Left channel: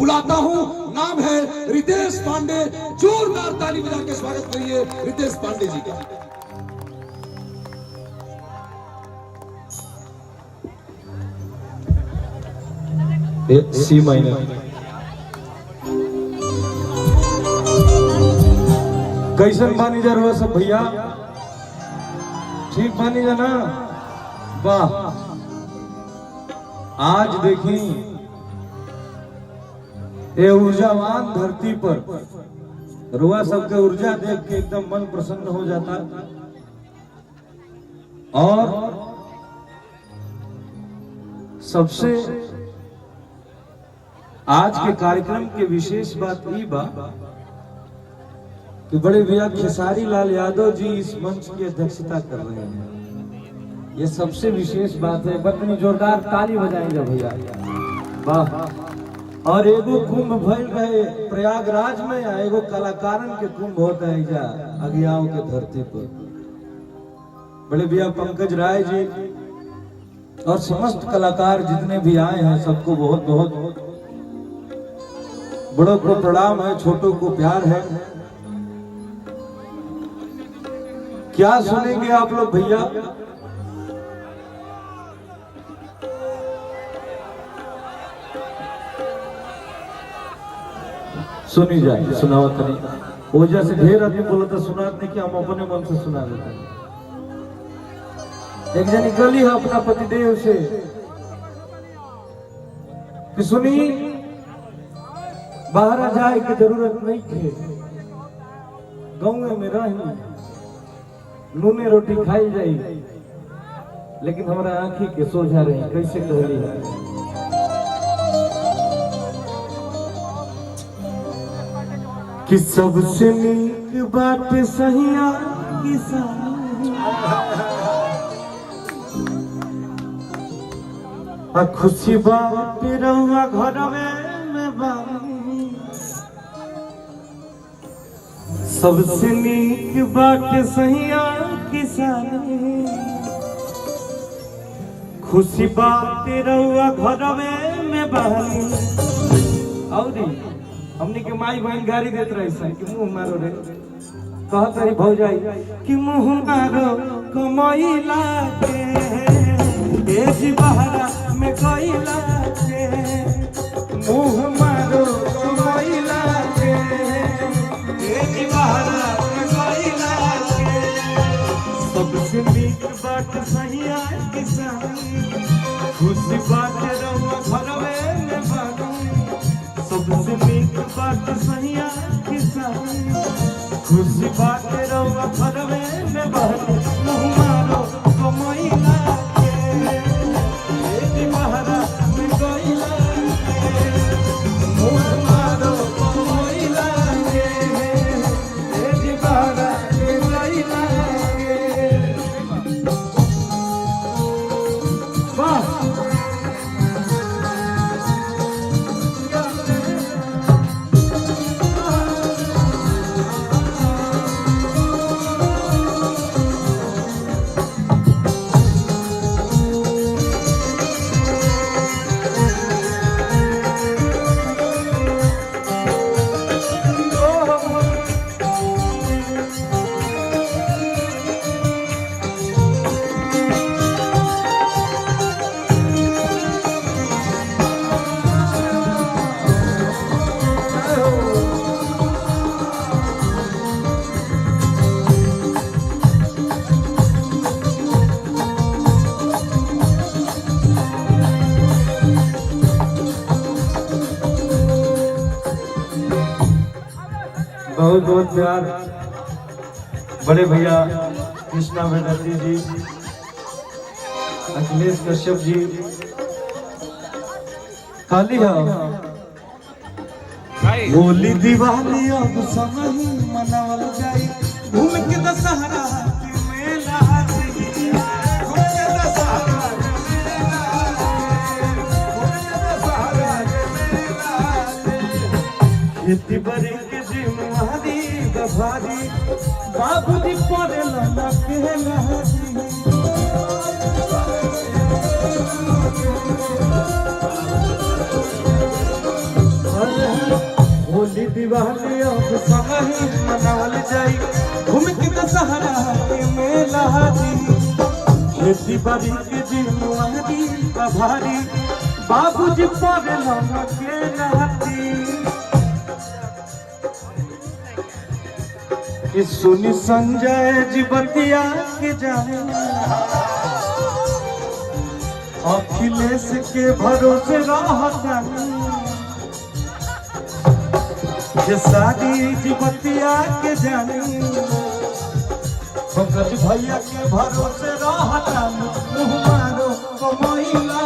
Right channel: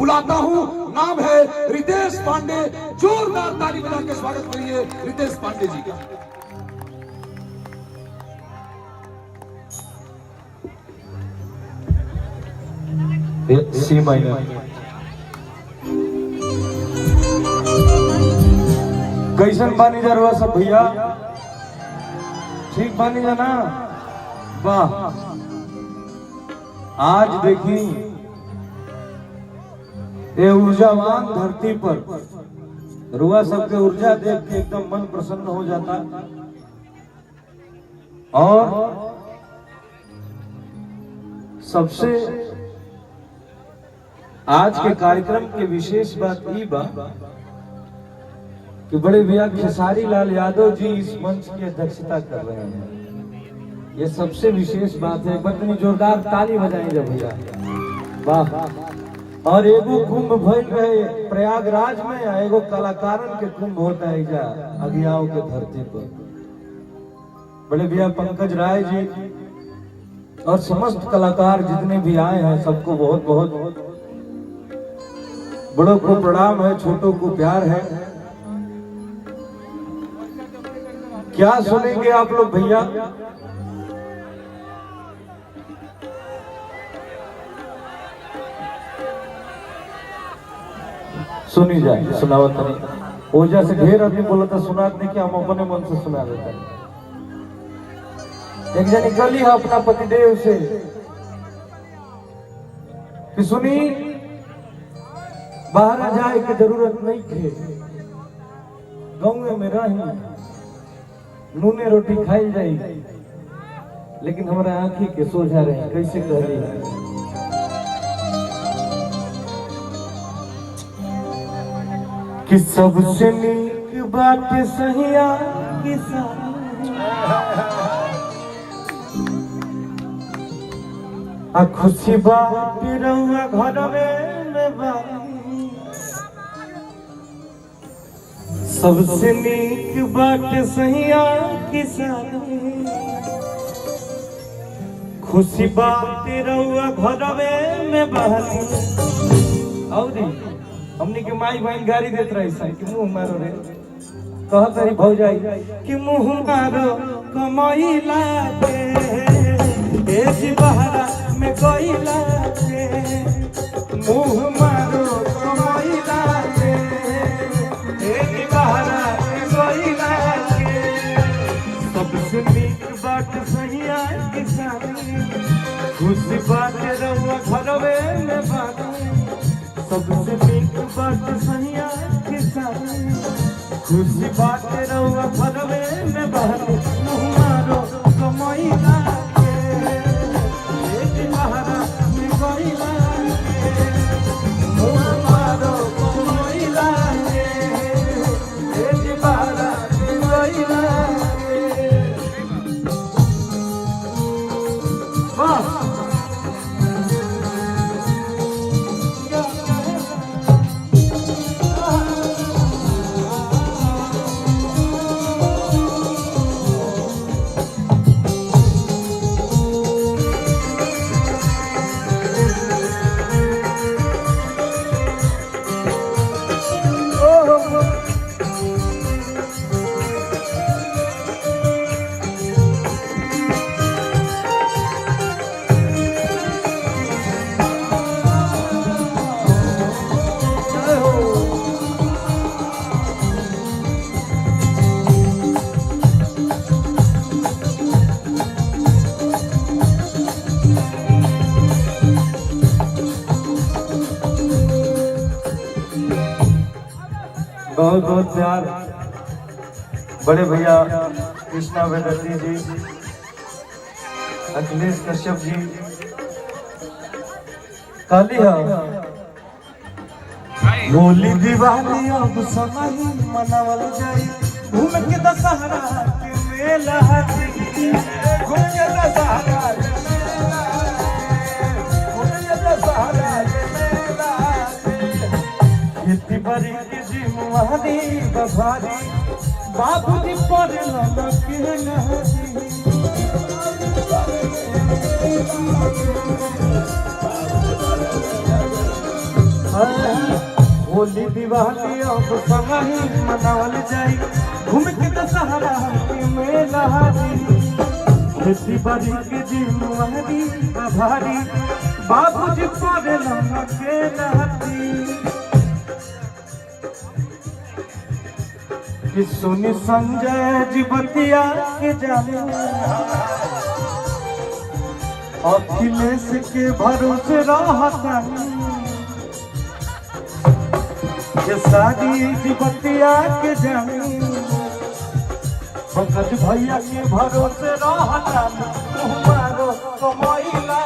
बुलाता हूं। नाम है रितेश पांडे। जोरदार ताली बजा के स्वागत करिए रितेश पांडे जी का। सी माइनर कैसन बानी जा रहा सब भैया? ठीक बानी जा ना? वाह, आज देखी ये ऊर्जावान धरती पर रुआ सबके ऊर्जा देख के एकदम मन प्रसन्न हो जाता है। और सबसे आज के कार्यक्रम के विशेष बात ये बा कि बड़े भैया खेसारी लाल यादव जी इस मंच की अध्यक्षता कर रहे हैं। ये सबसे विशेष बात है। बतनी जोरदार ताली बजाएंगे भैया। वाह। और एगो कुंभ भइल रहे प्रयागराज में, एगो कलाकारन के कुंभ होता है जा अगियाओं के धरती पर। बड़े भैया पंकज राय जी और समस्त कलाकार जितने भी आए हैं सबको बहुत बहुत बड़ों को प्रणाम है, छोटों को प्यार है। क्या सुनेंगे आप लोग भैया? सुनी जाए, सुनावत नहीं। ओजा से ढेर आदमी बोला था सुनात नहीं कि हम अपने मन से सुना देते हैं। एक जन निकली है अपना पतिदेव से कि सुनी बाहर जाए की जरूरत नहीं थे, गाँव में रही नूने रोटी खाई जाई, लेकिन हमारा आंखी के सोझा रहे। कैसे कहली है कि सबसे नीक बात सहिया की खुशी बात रहुआ घर में बानी। सबसे नीक बात सहिया किसानी, खुशी बात रहुआ घर में बानी। और हमने के माई बहन गाड़ी देते रही कि मुंह मारो रे, कहत रही भौजाई कि मुंह मारो कमाइला के बहरा में कोइला के, मुंह मारो कमाइला के बहरा में कोइला के। सबसे नीक बात सहिया किसानी, खुशी बात रहुआ घरवे में बानी। सबसे नीक बात सहिया किसानी, खुशी बात रहुआ घरवे में बानी। मुंह मारो कमाइला बहुत बहुत प्यार बड़े भैया कृष्णा भगवती जी, अखिलेश कश्यप जी। काली होली दिवाली अब संगही मनावल जाई, घूम के दशहरा के मेला खेती बड़ी के जिम्मेदारी बभारी, बाबूजी पड़े लगा के मेहदी। होली दिवाली अब समाही मनाल जाई घूम के तो सहारा के मेला दी खेती बाड़ी के जिम्मेदारी भारी बाबूजी पगल के नहती कि सुनी संजय जी बतिया के जाने अखिलेश के भरोसे रहता ये शादी की बतिया के जानी पंकज भैया के भरोसे रहता तुम्हारो कमैला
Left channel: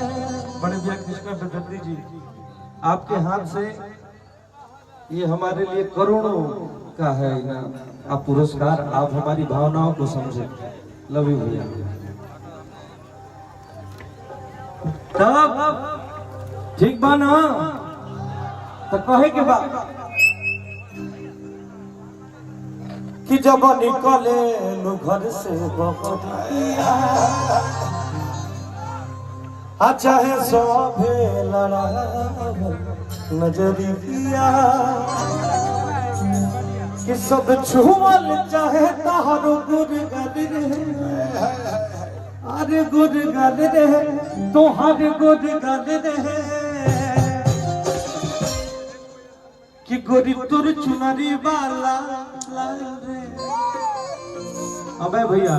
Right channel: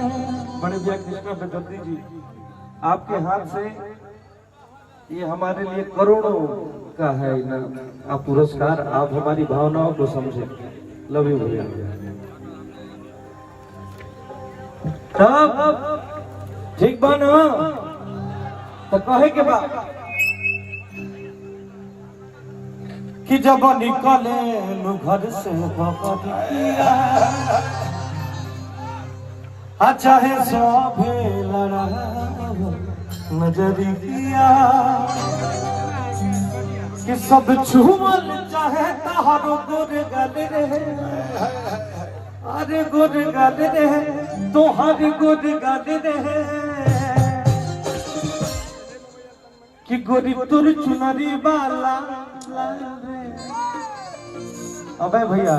कृष्ण बेदर्दी जी आपके हाथ से ये हमारे लिए करोड़ों का है आप पुरस्कार आप हमारी भावनाओं को समझे लव यू भैया तब ठीक बना तो कहे के बाद कि जब निकले लो घर से चाहे सभे लड़ा नजरिया कि सब छुअल चाहे तारो गुर गल रहे अरे गुर गल रहे तोहर गुर गल रहे कि गोरी तुर चुनरी वाला अबे भैया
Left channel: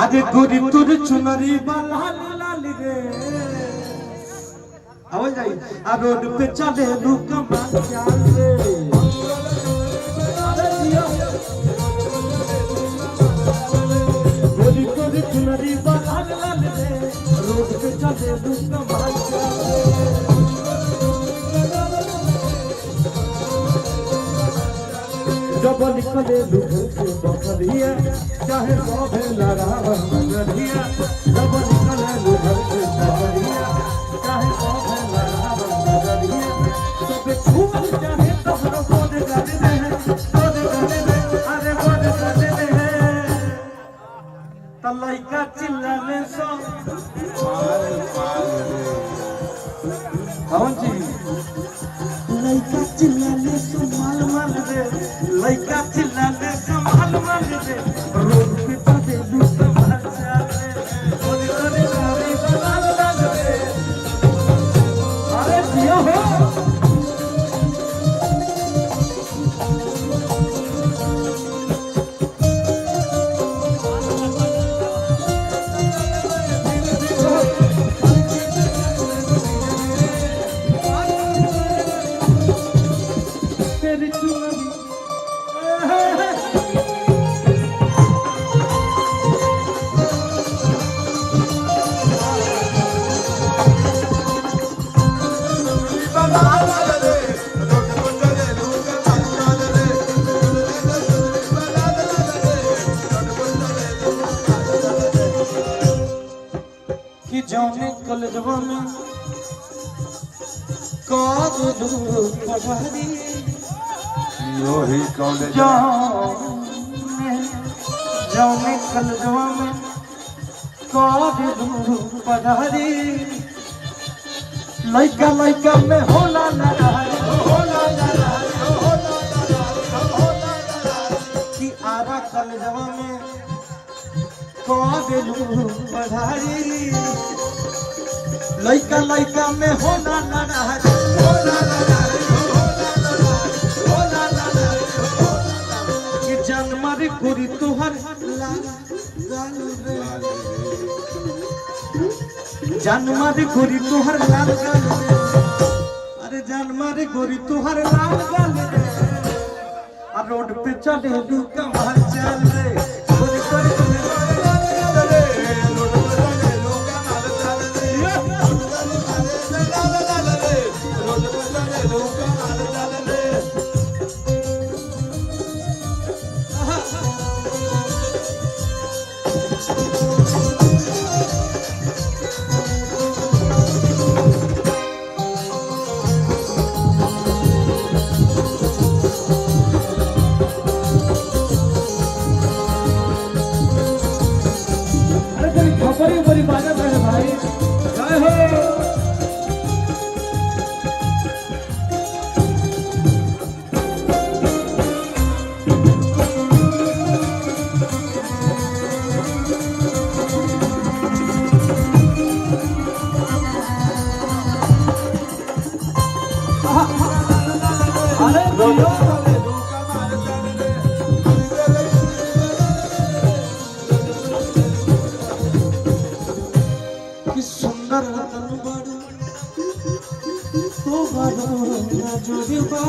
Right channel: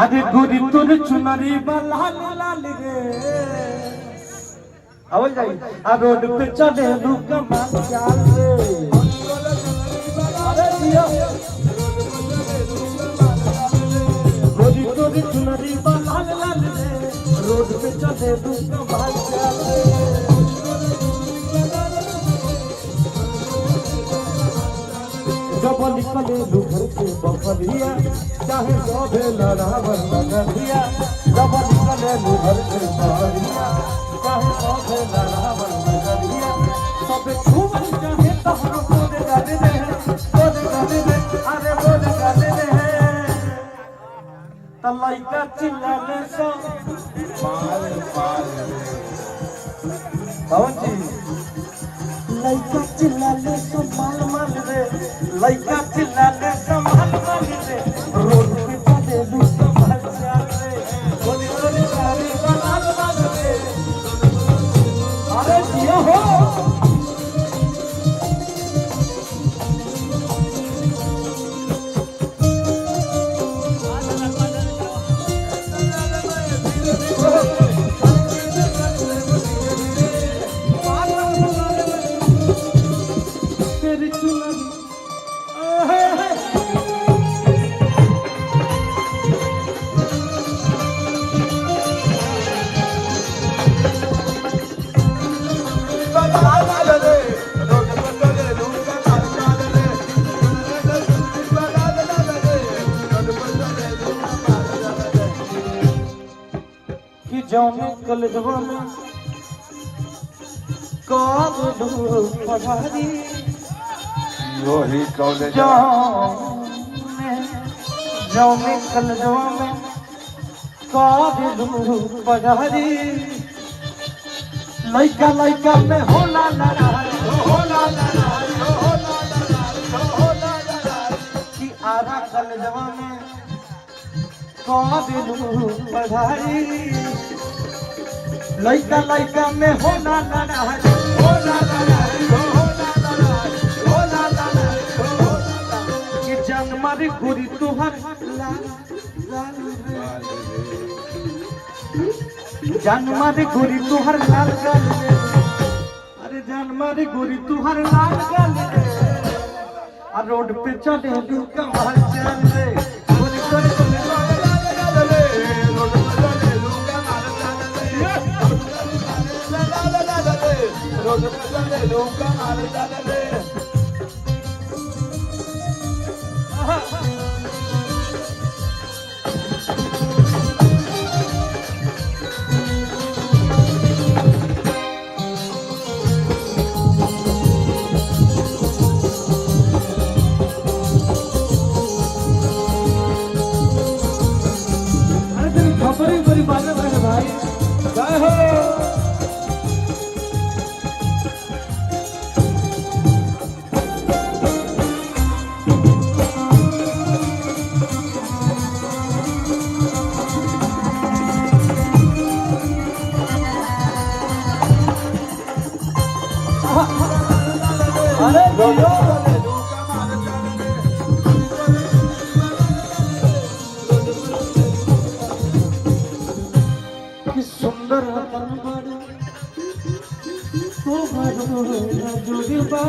आज गोरी तुर चुनरी वाला लाल रे आवाज आई आ रोड पे चले लू कमाल चाले गोरी तुर चुनरी वाला लाल रे रोड पे चले लू कमाल चाले जब निकले लुघर से बखरिया चाहे सभे लड़ावन नगरिया जब निकले लुघर से बखरिया चाहे सभे लड़ावन नगरिया सब छुअल चाहे तोहर गोद गल रहे अरे गोद गल रहे त लइका चिल्लाने सो कौन जी लइका चिल्लाने सो माल दे लइका चिल्लाने सो माल दे रोड पे चले लूट भर जावे गोली गोली गोली माल दे अरे जिया हो जाने कलजवा में काद दूर पढ़ारी यो ही कॉलेज जाने कलजवा में काद दूर पढ़ारी लइका लइका में होला कि आधा कलजवा में काद दूर पढ़ारी लइका लइका में होला कि जानमारी गोरी तोहर जानमारी गोरी तोहर लाल गल अरे जानमारी गोरी तोहर लाल गल आ रोड पे चले लू कमाल चल रे अरे जियो कि सुंदर रतन बारू तुम्हारो जुड़बा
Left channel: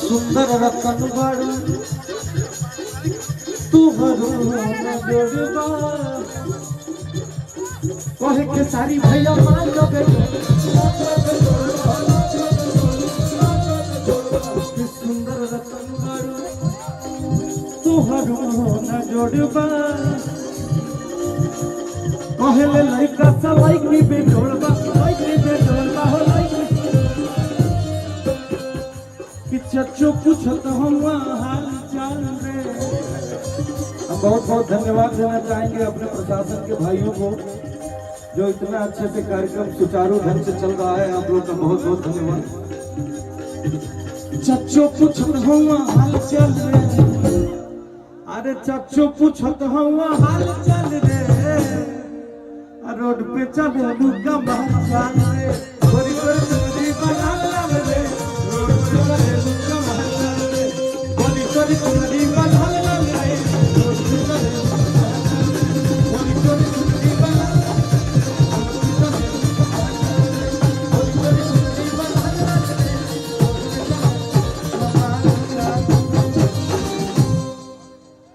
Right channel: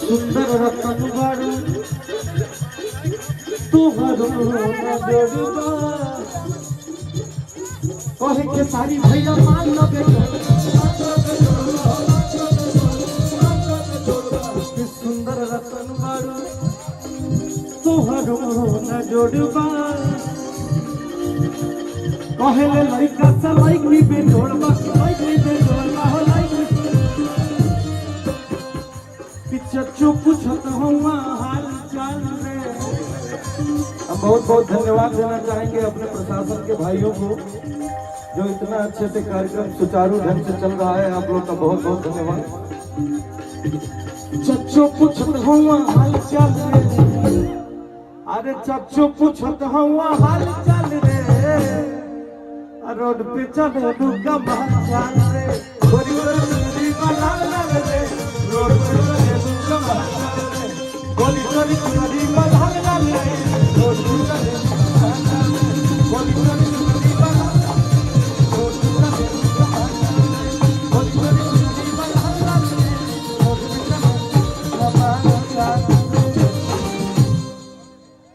सुंदर रतन बारू तुम्हारो जुड़बा कहे के सारी भैया मान लो बेटा सुंदर रतन बारू तुम्हारो न जोड़बा कहले लइका से लइकी बेजोड़बा लइकी बेजोड़बा हो लइकी पिछचो पूछत हुआ हाल चाल रे। हम बहुत बहुत धन्यवाद देना चाहेंगे अपने प्रशासन के भाइयों को जो इतना अच्छे से कार्यक्रम सुचारू ढंग से चल रहा है। आप लोग का बहुत बहुत धन्यवाद। चच्चो पूछत हुआ हाल चाल रे अरे चच्चो पूछत हुआ हाल चाल रे रोड पे चले लू का